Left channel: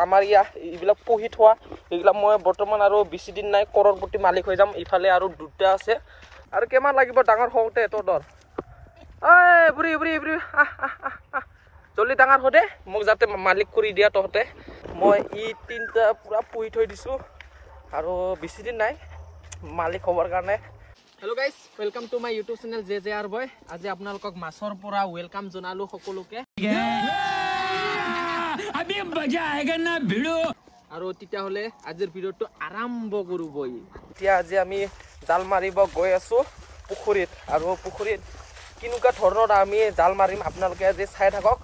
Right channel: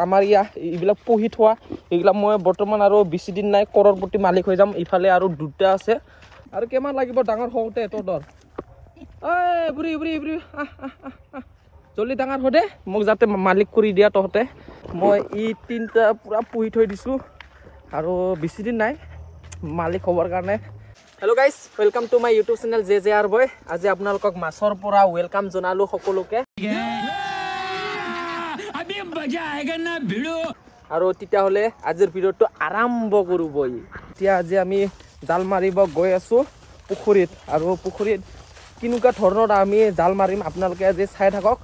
আমাৰ এইবিলাক পুহি থোৱা এইবিলাক মই বৰ্তমান আৰু বেছি দিন নাই কৰৰপতি মালিক হৈ যাম। ইফালে আৰু দুটা আছে আৰু কিমান লাগিব ডাঙৰ হওঁতে এটৰ দৰ জলদি ডাঙৰ হৈ দে মোক যাতে মালিক কৰি দিয়া তহঁতে। মই তিনিটা পুৰা পুহি থৈ দিছোঁ আৰু বেছি দিন নাই মালিক হ'বৰ কাৰণে। Hello' guys, welcome to my YouTube channel JJR বয়। আজি আপোনালোকক মাছৰ পৰা ৱেলকাম জনালোঁ সকলোকে। আৰু তেতিয়াহ'লে আজিৰ ভিডিঅ'টো আৰম্ভ কৰোঁ বই। এতিয়া আজি আমি জাল মাৰিব গৈ আছোঁ পুখুৰীত, আৰু পুখুৰীত কেনেকুৱা ধৰণৰ আমি জাল মাৰিম আপোনালোকে আজি চাই থাকক।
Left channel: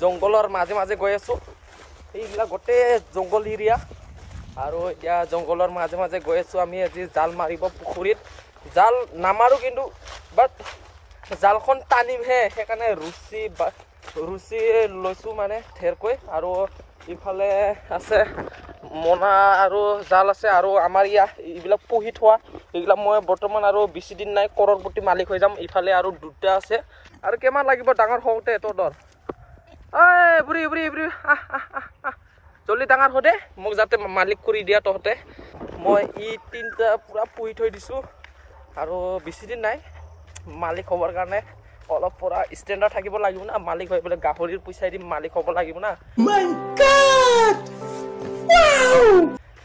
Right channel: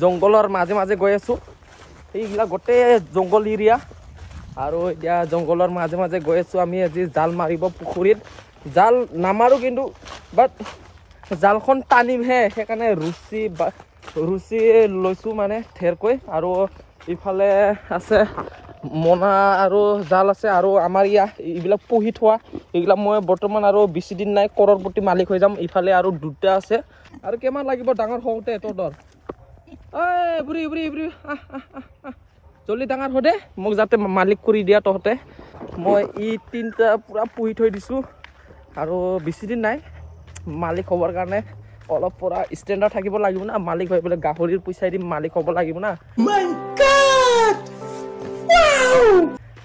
জংঘলৰ মাজে মাজে গৈ আছোঁ, এইবিলাক গোটেই জংঘল এৰিয়া, আৰু এতিয়া জংঘলৰ মাজে মাজে গৈ আছোঁ আমি আজি জাল মাৰিব পুখুৰীত। জাল নামাৰোঁ কিন্তু বাট জালখন টানিমহে, সেইকাৰণে ৰুচি লৈছোঁ মানে ঢেৰকৈ। আৰু ইফালে আছে মোনা আৰু জাল আছে, আৰু আমাৰ এইবিলাক পুহি থোৱা এইবিলাক মই বৰ্তমান আৰু বেছি দিন নাই কৰৰপতি মালিক হৈ যাম। ইফালে আৰু দুটা আছে আৰু কিমান লাগিব ডাঙৰ হওঁতে এটৰ দৰ জলদি ডাঙৰ হৈ দে মোক যাতে মালিক কৰি দিয়া তহঁতে। মই তিনিটা পুৰা পুহি থৈ দিছোঁ আৰু বেছি দিন নাই মালিক হ'বৰ কাৰণে। অলপ পৰা ষ্টেণ্ডাৰ্ড থাকিব লাগিব না, মালিক হৈ পেলাই গাহৰিৰ পইচাই দিম মালিক হ'ব লাগিব না।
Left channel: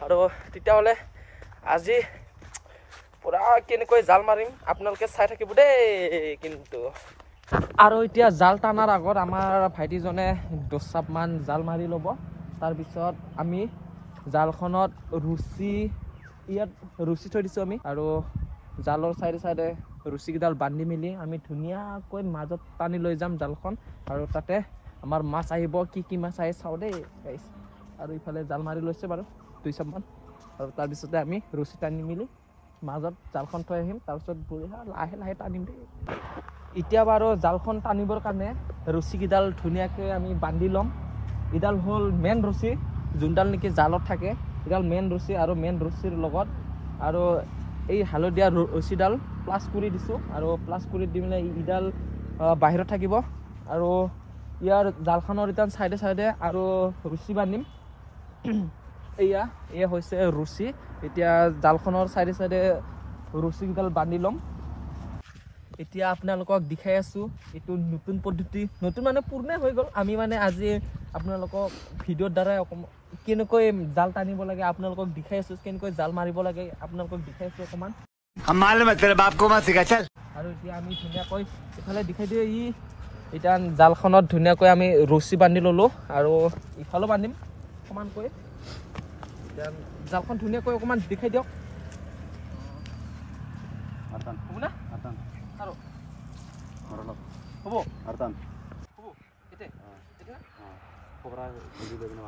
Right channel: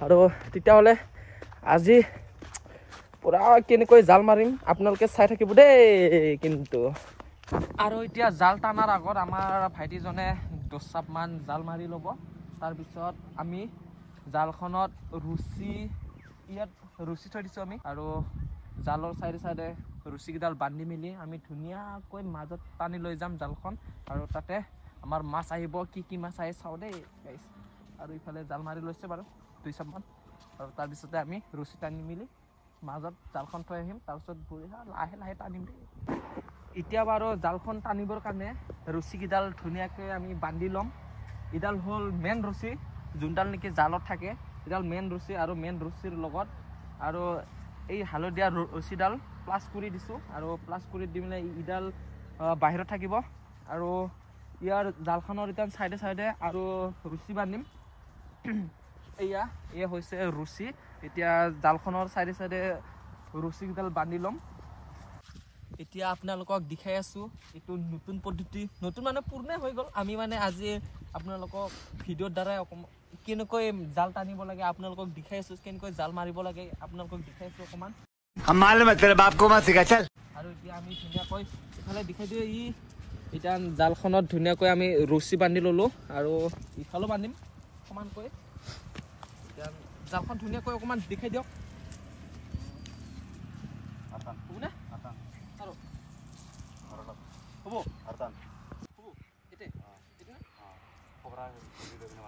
আৰু তেতিয়াহ'লে আজি পুৰা কেনেকৈ জাল মাৰিম আপোনালোকে চাই থাকিব দেই কিন্তু। আৰু এতিয়া জাল টানাৰ আগত আমাৰ ভাইটিজনে 10 চাপমান জাল মাৰি ল'ব। তাৰপিছত আমি জালখনত ৰুচি থৈ দিছোঁ আমি, আৰু জালৰ চাইডে চাইডে ৰুচিকেইডাল বান্ধি মেলি আমি ধুনীয়াকৈ মাজত টানি লৈ যাম জালখন, আৰু তাতে আমাৰ মাছ আহিব। কি মাছ আহে চাওঁ দেই গাইছ। আৰু ইফালে জাল মাৰি লৈছে বাৰু 2 চাপমান, আৰু তাৰপিছতে আমি ৰছী টানি মেলি মাজত জালখন থৈ আহিম। তাৰপিছত লাহে লাহে টানিম দেই। এতিয়া বাৰু জালখন টানিবৰ কাৰণে ৰছীকেইডাল ধুনীয়াকৈ আমি বান্ধি ল'ম। এইডাল হ'ল মেইন ৰছী, যোনডাল নেকি জালত থাকে, এইডাল মেইন ৰছী। আৰু মেইন ৰছীৰ লগত আৰু এই হালধীয়া ৰছীডাল প্লাছ কৰি দিছোঁ, আৰু প্লাছ কৰি দি মেলি ইডাল বাহিৰত থাকিব। আৰু ইয়াৰ জালখনৰ এতিয়া চাইডে চাইডে আৰু ৰছী বান্ধিম। এয়া হৈছে ৰছী। এতিয়া জালখনৰ চাইডে চাইডে ৰছীকেইডাল বান্ধি ল'ম। এতিয়া আপোনালোকক দেখাই আছোঁ, এইটো নতুন পদ্ধতি, নতুন মানে পুৰণে হৈ গ'ল। আমি মানে আজি আপোনালোকক ভিডিঅ'ৰ দ্বাৰাই কেনেকৈ জাল টানিব লাগে আপোনালোকক দেখাই আছোঁ, কেনেকৈ জাল মাৰিব লাগে আপোনালোকক দেখাই আছোঁ অকণমান। আৰু এতিয়া আমি ধুনীয়াকৈ ইফালে দেখাই দিওঁ, এতিয়া জালখনত ধুনীয়াকৈ আমি ৰছী বান্ধি ল'লোঁ, আৰু ইফালেও বান্ধিম অকণমানকৈ। এতিয়া জালখন ধুনীয়াকৈ অকণমান দেখাই দিয়ক।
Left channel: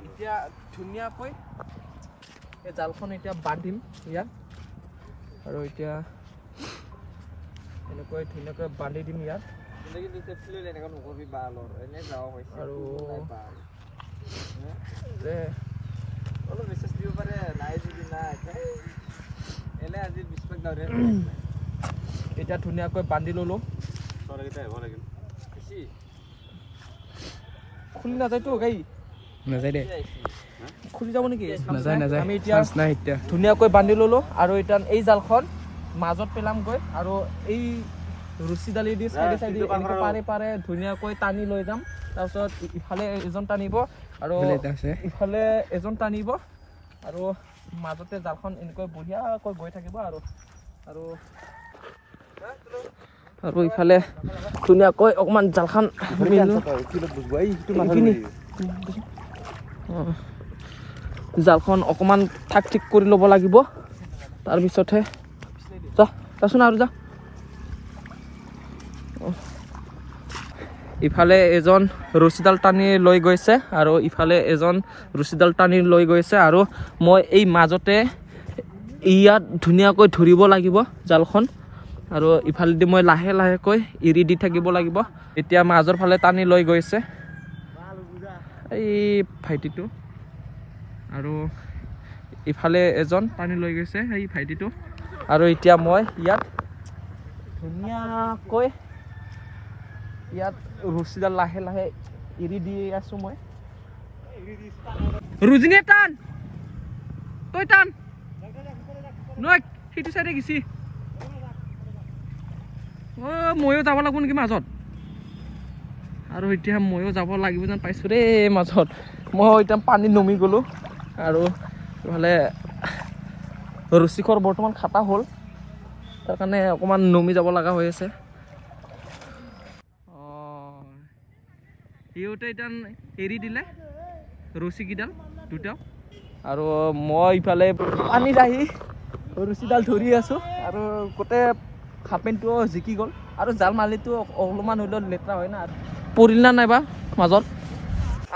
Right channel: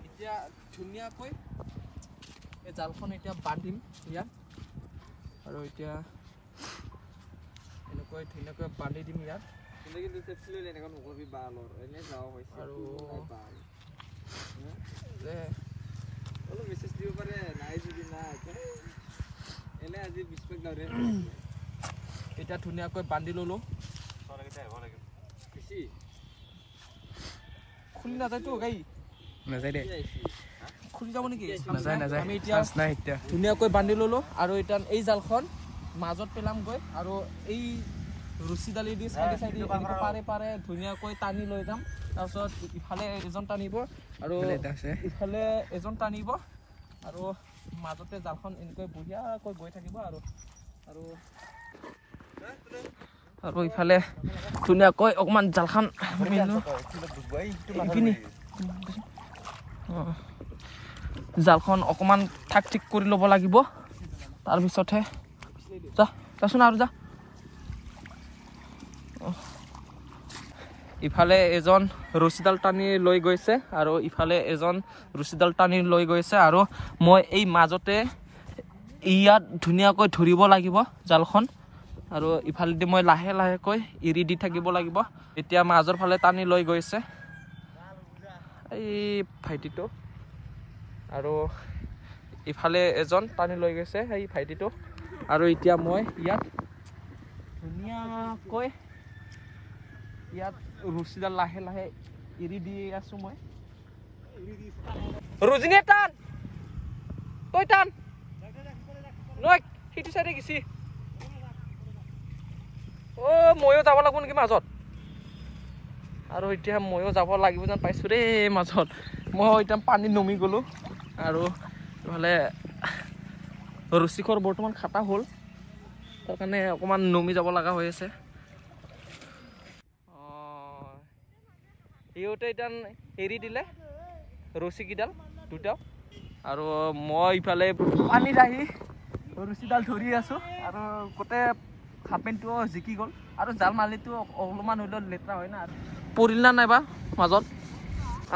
এতিয়া ধুনীয়াকৈ এই জালখন এতিয়া বান্ধিম ইয়াত, আৰু এতিয়া এনেকৈ ধুনীয়াকৈ বান্ধি দিম ইয়াত। আৰু এতিয়া ধুনীয়াকৈ বান্ধি ল'লোঁ। খুলি নাযায়তো গাই, নাযায় দে, খুলি যাব নেকি? আমি এতিয়া ধুনীয়াকৈ বান্ধি ল'লোঁ, আৰু এতিয়া এই জালখন মাজত পেলামগৈ, আৰু এই ৰছীডালি দি চাইডে চাইডে এনেকৈ পাৰে পাৰে ধুনীয়াকৈ টানি লৈ যাম। তাৰপিছত ইফালে এজন টানিব আৰু ইফালে এজন টানিব, আৰু মাজতে জালখন এনেকৈ বঢ়িয়াকৈ গৈ থাকিব। আৰু ইফালে ধুনীয়াকৈ অকণমান জালখন জালখন অকণমান ঠাক ঠিক কৰি ল'ব লাগিব। তাৰপিছতহে যাচোন আৰু যা। ইফালে এজন ৰছীডাল টানি লৈ গৈছে, আৰু ইফালে এজন ৰছীডাল টানি লৈ গৈছে, আৰু মই এই মাজতে ইয়াত ধুনীয়াকৈ ধৰিব লাগিব জালখন, আৰু ইফালেদি মই লাহে লাহেকৈ এৰি দি থাকিব লাগিব। এতিয়া মাজৰ ফালে টানি লৈ গৈছে এই ভাইটিটো, আৰু ইফালে এজন টানি লৈ গৈছে এই ভাইটিটো। আৰু এতিয়া মই ইয়াত ধুনীয়াকৈ ইয়াত ৰছীডাল লাহে লাহে এৰি দি আছোঁ মই। ৰুজিনে টান তই টান নয় সেইটো চাইডে গেছি অ ময়ো যাব লাগিব নেকি মাজত আৰু এতিয়া ময়ো যাব লাগিব যেন পাইছোঁ দেই মাজত মই এতিয়া পানীত নমি গ'লোঁ আৰু ইফালে ৰুচিকৰ বৰ্তমান খাটা হ'ল তাৰ কাৰণে অকণমান নমি যাব লগা হৈ আছে সিহঁতে এতিয়া এৰি দিলে ৰছীকেইডাল দুটা আৰু মই ইফালে পানীত আহি ৰছীডাল ধৰি আছোঁ আৰু গোটেই হাফ পেণ্টটো জিকি গ'ল আৰু জাল মালিটো অলপমান হ'লেও লেতেৰা হয় না পৰিল না নাইবা মাজত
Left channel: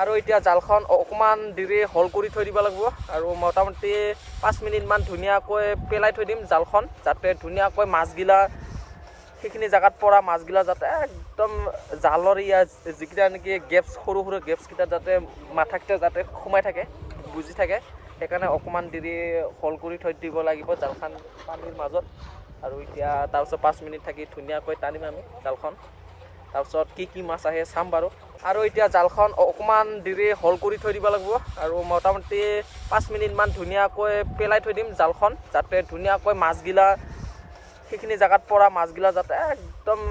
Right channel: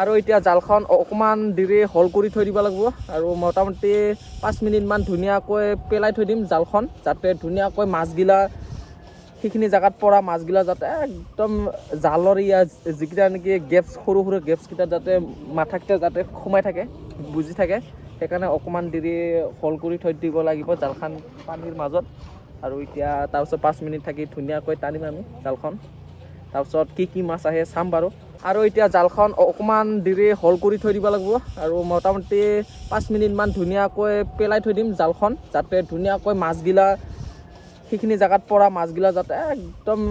আৰু এতিয়া জালখন অকণমান দেৰি হল কৰি থৈ দিব লাগিব আৰু মোটামুটি 5 মিনিটমান ধুনীয়াকৈ পেলাই থৈ দিম জালখন যাতে ধুনীয়াকৈ মাছগিলা সেইখিনি জেগাত পৰা মাছগিলা যাতে একদম জালৰ ইয়াত যিকেইটা নেকি গেপছ সৰু সৰু গেপছকেইটা যাতে মাথাকেইটা যাতে সোমাই থাকে বুজি থাকে সেইকাৰণে অকণমান দেৰি হল কৰি থৈ দিব লাগিব জালখন পানীৰ মাজত আৰু এতিয়া তাৰপিছত 5 মিনিট থাকি ধুনীয়াকৈ টানিম আমি জালখন তাৰপিছত কি মাছ আহে চাম বাৰু আৰু এতিয়া জালখন অকণমান দেৰি হল কৰি থৈ দিব লাগিব আৰু মোটামুটি 5 মিনিটমান ধুনীয়াকৈ পেলাই থৈ দিম জালখন যাতে ধুনীয়াকৈ মাছগিলা সেইখিনি জেগাত পৰা মাছগিলা যাতে একদম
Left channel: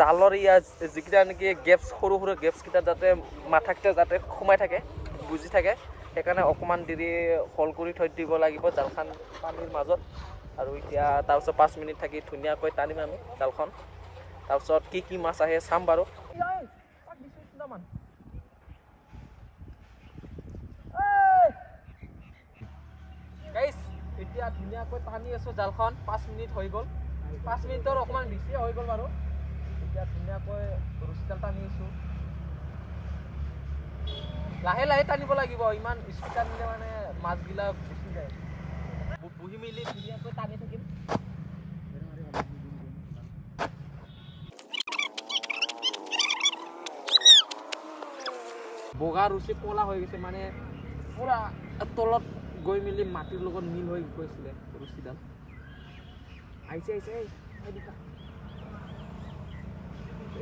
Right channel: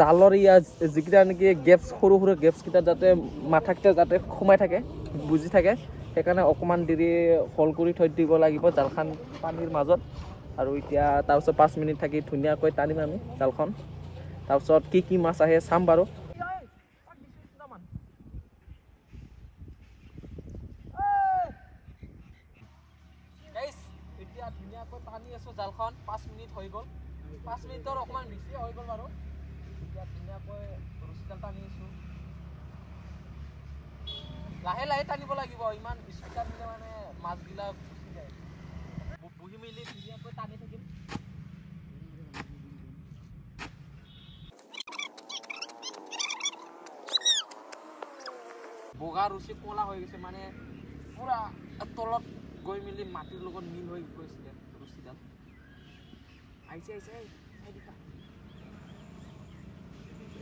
জালৰ ইয়াত যিকেইটা নেকি গেপছ সৰু সৰু গেপছকেইটা যাতে মাথাকেইটা যাতে সোমাই থাকে বুজি থাকে সেইকাৰণে অকণমান দেৰি হল কৰি থৈ দিব লাগিব জালখন পানীৰ মাজত আৰু এতিয়া তাৰপিছত 5 মিনিট থাকি ধুনীয়াকৈ টানিম আমি জালখন তাৰপিছত কি মাছ আহে চাম বাৰু এতিয়া ধুনীয়াকৈ টানি আছোঁ জালখন 5 মিনিট হৈ গ'ল 5 মিনিটৰ অকণমান বেছিয়ে হৈ গ'ল বাৰু এতিয়া ধুনীয়াকৈ ৰছীডাল টানি আছোঁ লাহে লাহে টানিব লাগিব ইমান স্পীড টানিলে মানে মাছগিলা গুচি যায় বহি মেলি ধুনীয়াকৈ টানি থাকিম বগা ৰছী ক'লা হৈ গৈছে মানে পুৰা তলত গৈ মেলি মাটিৰ লগত মিল হৈ গৈছিলে ৰছীডাল আহিছে দেখা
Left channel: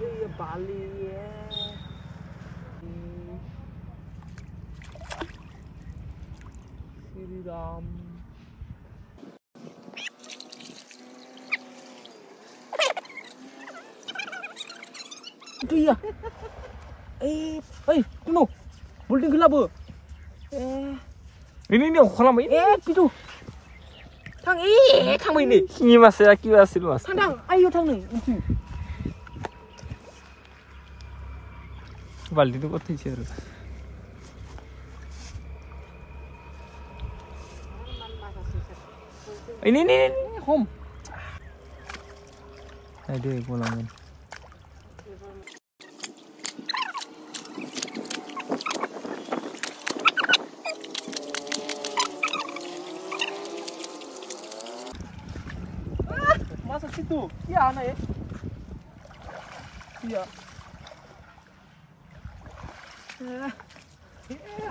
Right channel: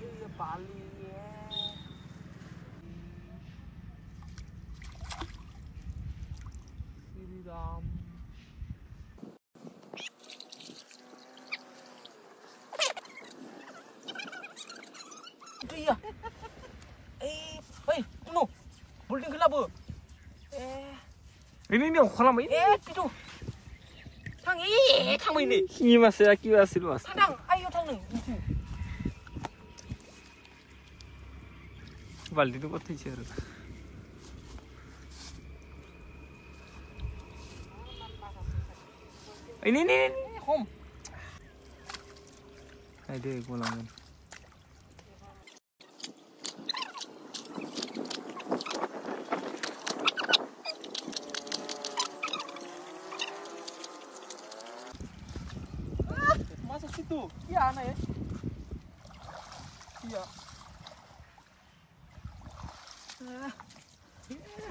এই বালি শ্ৰীৰাম এই tuno building gelap ini kolam ini pitu thang thang ini ini mas ya ki asil mas thang ayo thang ni baldi tu kothai chhe ini home ada kolam masa situ iya anak ya iya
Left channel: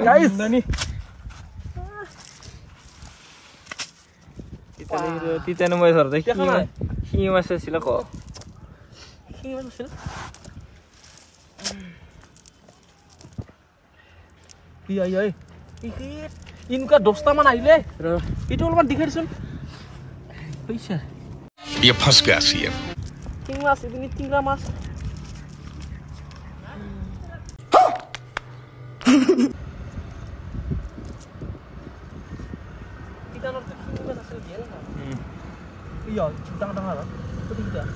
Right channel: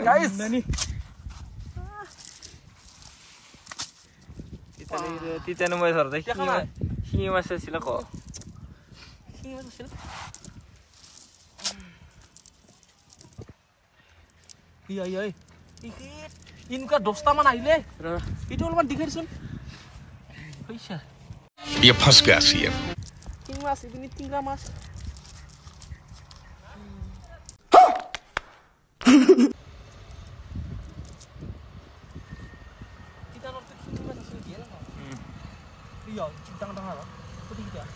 guys nih kita nemu sor deh ini masih sila kok ini masih sila iya ikit ini kan 10 man aile itu অলপমান দিখাই দিছোন পয়সা ये फंस गया CM tinglas ini tinggal mas kita nonton tinglas hasil gel kan iya tengah-tengah lah itu tidak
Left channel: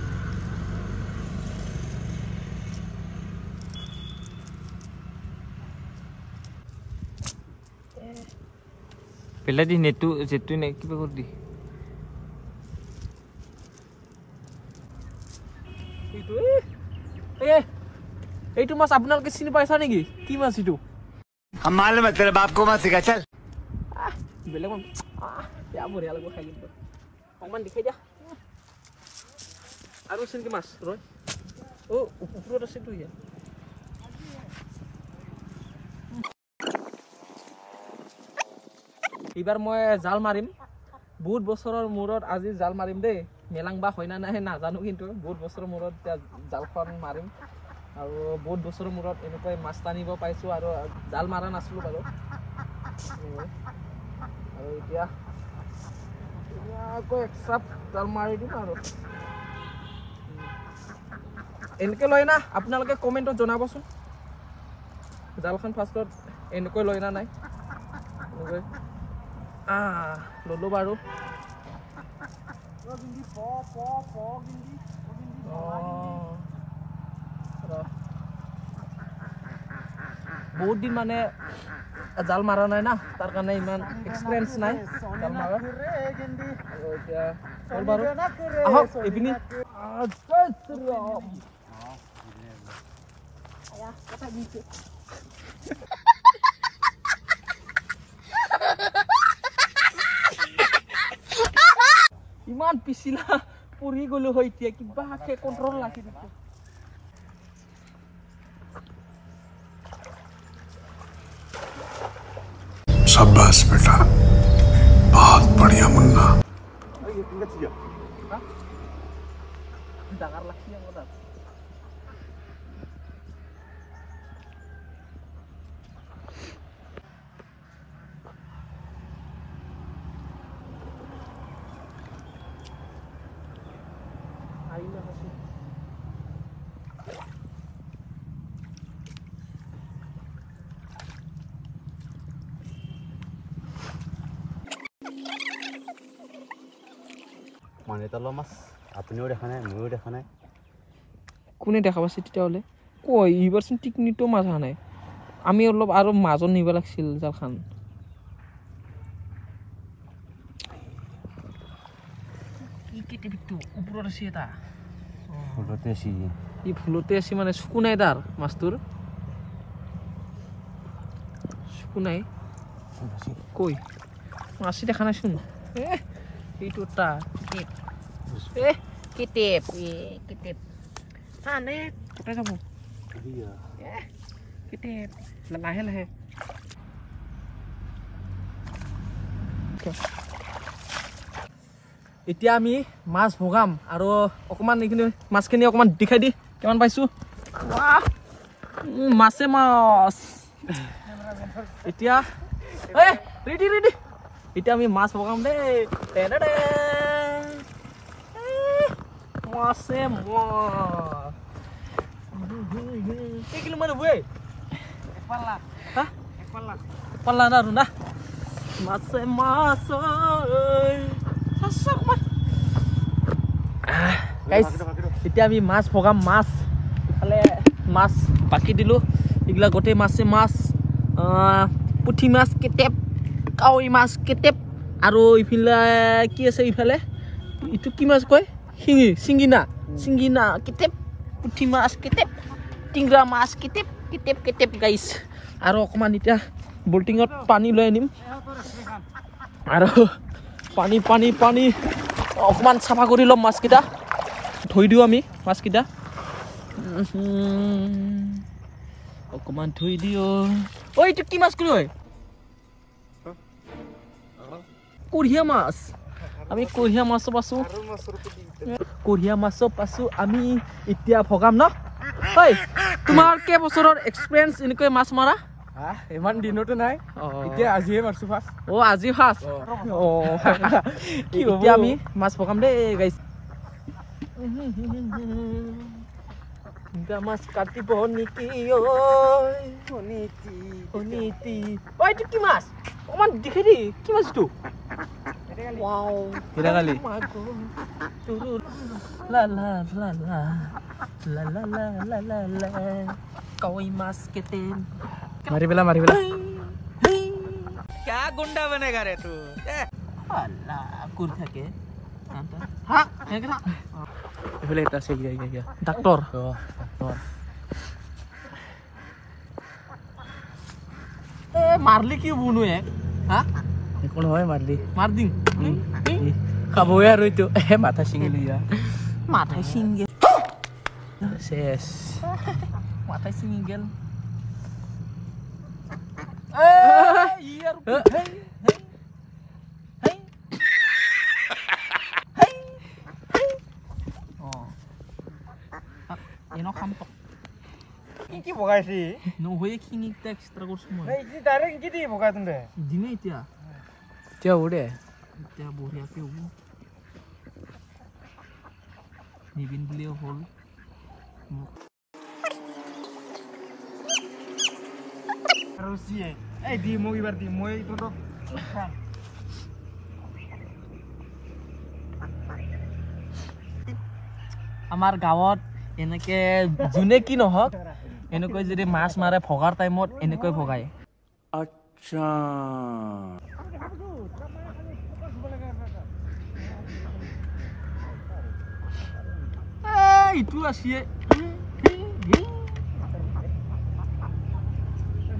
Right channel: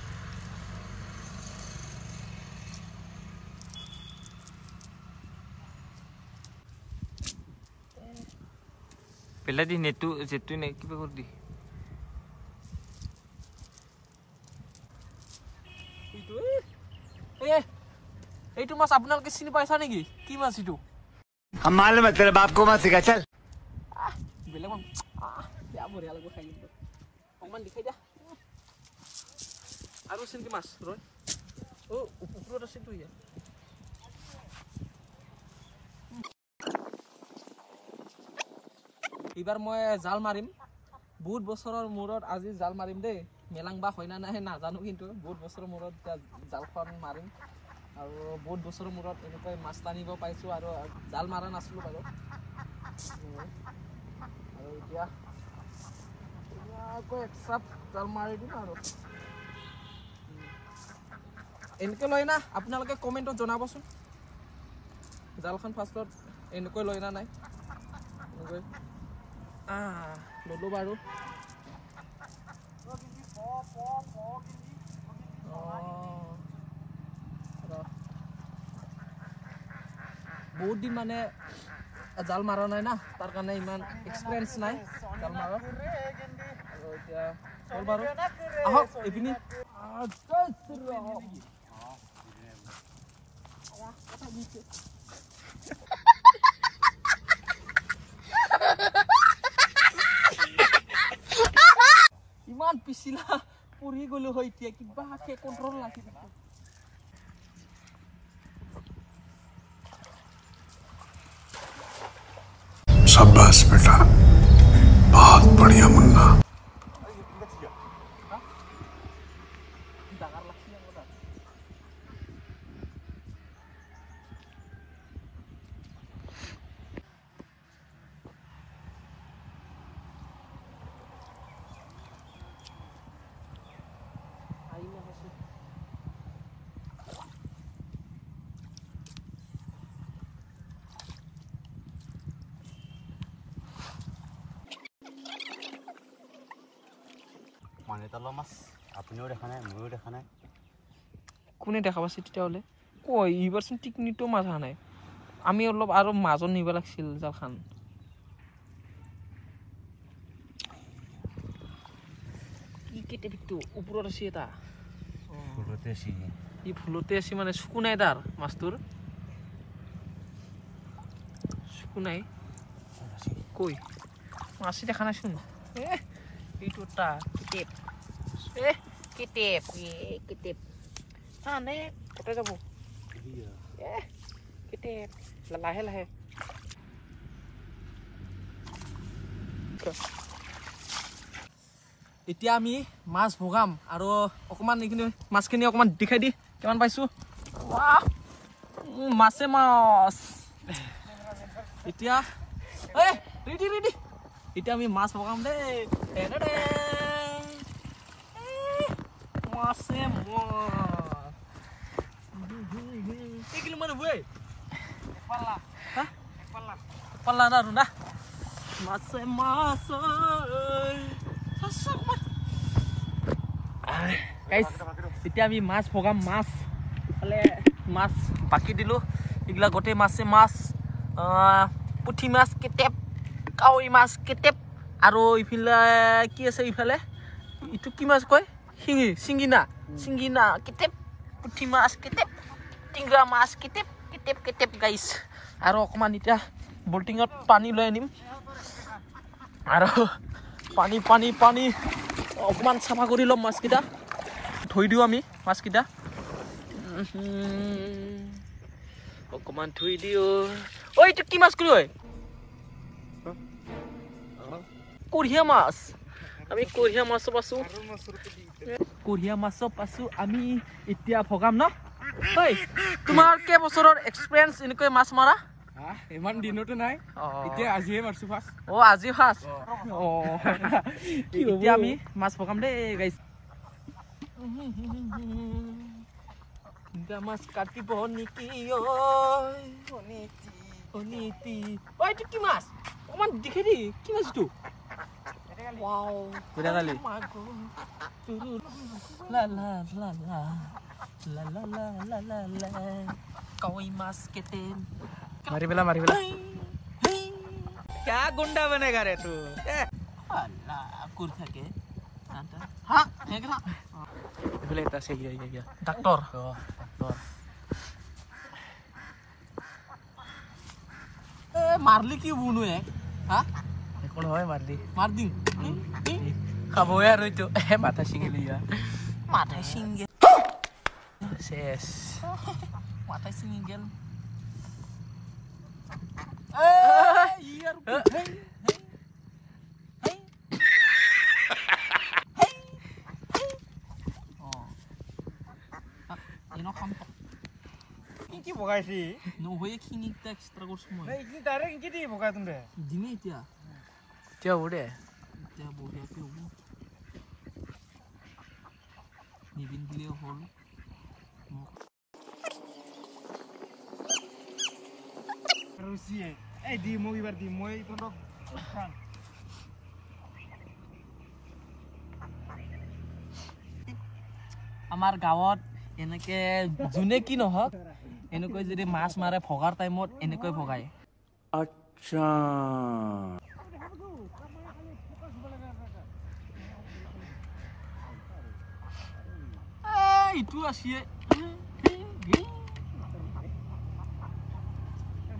pela di netu jetu nek kiba kurdi এইটো মাছ আপোনালোকে চিনি পাইছা নেকি কি মাছ ইটো हम मालूम है तेरे बाप को मत सिखा चल বেলেগ মান ইয়া বঢ়িয়া লাগিব খাই কিন্তু অকমান দেখাই দিয়া আৰু আছে নেকি মাছ ৰয় ও ওপৰত আছে তো ইয়া এইবাৰ মই জাল মাৰিম বহুত বছৰৰ মূৰত আজি জাল মাৰিম দেই মেলাংবা হয় না নাই নাজানো কিন্তু বহুত বছৰৰ মূৰত জালখন মাৰিম আৰু বহুত বছৰৰ মূৰত এনেকৈ মাছ টানিব পাইছোঁ আৰু জাল মাৰা নাছিলোঁ বাৰু আৰু এতিয়া আকৌ এক চাপ জাল মাৰি দিম আৰু এনেকৈ লয় না আপোনালোকে কমেণ্টত জনাবচোন জালখন ফাৰ্ষ্টত এনেকৈ লয় না নাই এনেকৈ ল'লোঁ বাৰু বহুত দিন মানে জাল মাৰা নাই না তাৰ কাৰণে ইমান এক্সপিৰিয়েঞ্চ নাই জাল মাৰা আৰু এতিয়া হ'ল বাৰু আহক এইপিনি ইমান পিছিলা পৰি গ'লো হয় এতিয়া কিবাকে কণ্ট্ৰল ৰাখি দিছে शाबाश बेटा बहुत बढ़िया मुन्ना ডাঙৰ লাগছি আমাৰ তাত আহিলে হৈছে মানে তলৰ মাছ আপুনিও দেখা নাই ময়ো দেখা নাই কোনে দেখা পাইছে তেতিয়াহ'লে কৈ এইবাৰচোন টিকনিটো মাছ অহা নাই আমি অলপ আৰু মাজত নিব লাগিছিল জালখন কি কেটেবিটো ওপৰত আছে এটা ফুলতে আছে ই ফুলতে আছে মানে চকু নাই তাৰ মাছটোৰ চকু নাই কৈ মাছি দেখা নাইচোন এইটো এটা কেটেপ কেটেপ আনে কটাই যাব কেটেপ লাহে লাহে এতিয়া আমি মাছ ভগাম আৰু অকণমান এইখিনি মাছখিনি অকণমান দেখাই দি কিমান পাইছোঁ মাছে মাছ এতিয়া ৰেডি ৰেডি এতিয়া আমি মাছ ভগাম দেই মাছে মাছ কিলো মানে বৈ পাল্লা না আৰু না মাছে মাছ এতিয়া আমি মাছ ভগাম মাছ ফালে মাছ বাকি দিলোঁ এইগিলা গোটেই মাছে মাছ পুঠি মাছ কেটেপ কাৱৈ মাছ কেটেপ আৰু ইফালে কি আছে ইফালে এইটো কি মাছ কয় চিঙিনা চিঙিনা কেটেপ পুঠি মাছ কেটেপ টিংৰা মাছ কেটেপ কেটেপ কেটেপ গাইছ আৰু অকণমান এতিয়া বল্টিঙত পানী লৈ আনিম আৰু পানী পানী পানী অকণমান চাফা কৰি ল'ম মাছকেইটা ধুই দিওঁ আমি মাছকেইটা অকণমান ধুই দিওঁ ঐ এইটো কি মাছ কৰি হয় কুঢ়িয়া মাছ আমি কুঢ়িয়া মাছো পাইছোঁ কুঢ়িয়া মাছো পাইছোঁ আমি এতিয়া ভগাম ন ঐ তোমাৰ কেইবছৰৰ এক্সপিৰিয়েঞ্চ এনেকৈ মাছ মাৰা ইমান দিনতো নাই এতিয়া আজিহে মাৰছো ফাৰ্ষ্ট আজি ফাৰ্ষ্ট এতিয়া আমি মাছ ভগাম দেই গাইছ মাছ কাটিব নেকি এইটো কি মাছ অকণমান দেখাই দেই কি মাছ এইটো কাৱৈ মাছ কেটেন মাৰি পেলা মাৰি পেলা क्या गुंडा बनेगा रे तू কুৰ থাকে এইফালে এটা আছে ডাক্তৰ মাৰলি কি বুনো একো নহয় মাৰিলি মাৰ দিম খাবই আৰু এইটো মাথা ছিঙিলি মাথাই ছিঙি শেষ মাথাই ছিঙি গেল ভগাইছি নহয়ে খিনি এক্সট্ৰা কৰছো মই এই কি ডাইৰেক্ট কি দি ভগাই তুন্দে দিমে এতিয়া এতিয়া উড়ে এতিয়া বঢ়িয়াকে হ'ব নিবিন বুলিও হ'ল আৰু সিয়ে এই দি মই এবাৰ দি মই তো খাম আমাৰ গাঁৱত এনেকে যোনে কি নহওক এনেকৈ যদি মাছ মাৰে ভগাৰ টাইমত এনেকৈ ভগায় अच्छा ইটো আছে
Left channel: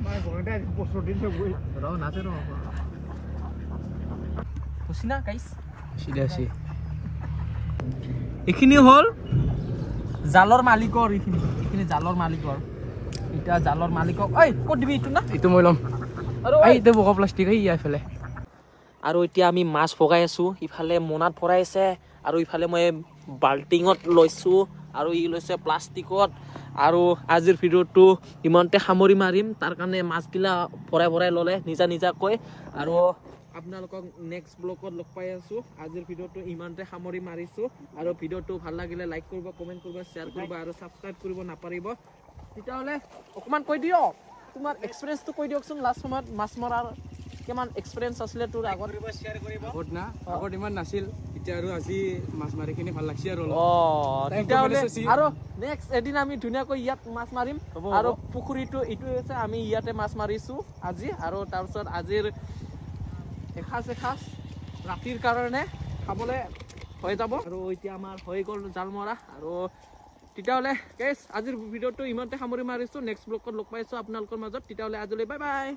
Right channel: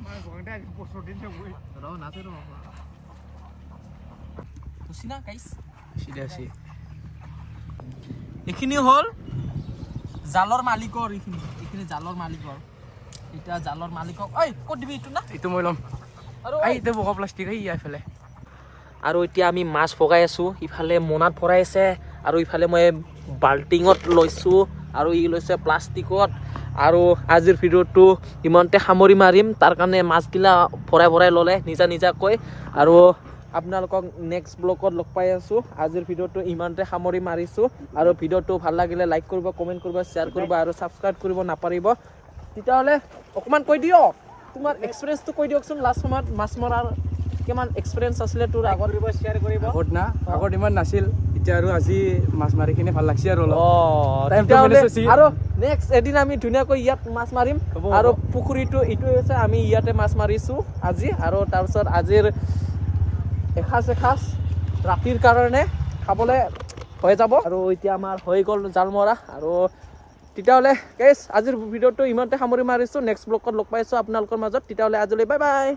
মাছ ভগাইতে বছৰ দিন গৈ নাচে না গাইছ সিধাছি এইখিনি হ'ল জালৰ মালিকৰ এইখিনি জালৰ মালিকৰ এতিয়া জালৰ মালিকক ঐ ক'ত দিবি এইটো না এইটো মই ল'ম আৰু এই এতিয়া বগা প্লাষ্টিক এই এইফালে আৰু এতিয়া আমি মাছ ভগাই আছো ইফালে মোনাত ভৰাই আছে আৰু ইফালে মই বাল্টিঙত লৈছো আৰু ই লৈছে প্লাষ্টিকত আৰু আজিৰ ভিডিঅ'টো ইমানতে সামৰি মাৰিম তাৰ কাৰণে মাছগিলা ভৰাই ভৰাই ল'লে নিজাকৈ আৰু আপোনালোকক নেক্সট ব্লগত লগ পাই আছো আজিৰ ভিডিঅ'টো ইমানতে সামৰি মাৰিছো আৰু ভিডিঅ'টো ভাল লাগিলে লাইক কৰিব কমেণ্ট কৰিব শ্বেয়াৰ কৰিব আৰু ছাবস্ক্ৰাইব কৰিব নাপাৰিব তেতিয়াহ'লে অকণমান কৈ দিয়ক তোমাৰ এক্সপিৰিয়েঞ্চটো কৈ দিয়কচোন লাষ্ট সময়ত মাছ মৰাৰ কিমান এক্সপিৰিয়েঞ্চ আছিলে তোৰ আগত শ্বেয়াৰ কৰিব আগত না আগত ইমান নাছিল এতিয়া আৰু আজি মাছ মাৰিখিনি ভাল লাগছে আৰু আৰু নেক্সট এদিন আমি ধুনীয়াকৈ ইয়াত মাছ মাৰিম আৰু পুখুৰীটো এইটো হৈছে আমি ইয়াতে মাছ মাৰিছো আজি আৰু তাৰপিছত আজিৰ এসাঁজ ৰাতিৰ কাৰণে খাবলৈ হৈ যাব আৰু এতিয়া আমাৰ হৈ গ'ল জাল মৰা আৰু তেতিয়াহ'লে গাইছ আজিৰ ভিডিঅ'টো ইমানতে সামৰি মাৰিছো নেক্সট ব্লগত লগ পাইছো আপোনালোকৰ মাজত তেতিয়াহ'লে আজিলৈ বাই বাই